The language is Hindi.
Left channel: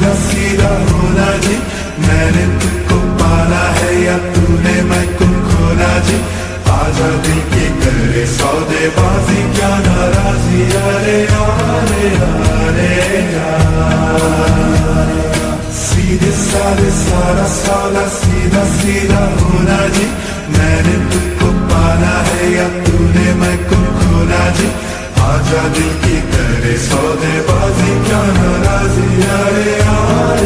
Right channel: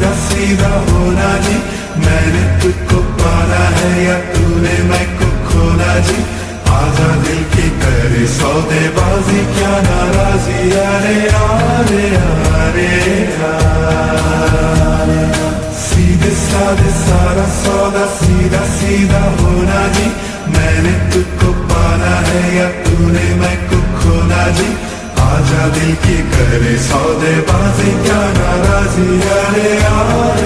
सीधा सीधा होना जी, मैंने तुझको पाना है या तूने मैं को खोना जी। आजा दिल की करे सौदेबाजी, क्या नाराजी, अरे यारे यारे सीधे साधे सारा सौदा, सीधा सीधा होना जी, मैंने तुझको पाना है या तूने मैं को खोना जी। आजा दिल की करे सौदेबाजी, क्या नाराजी, अरे यार।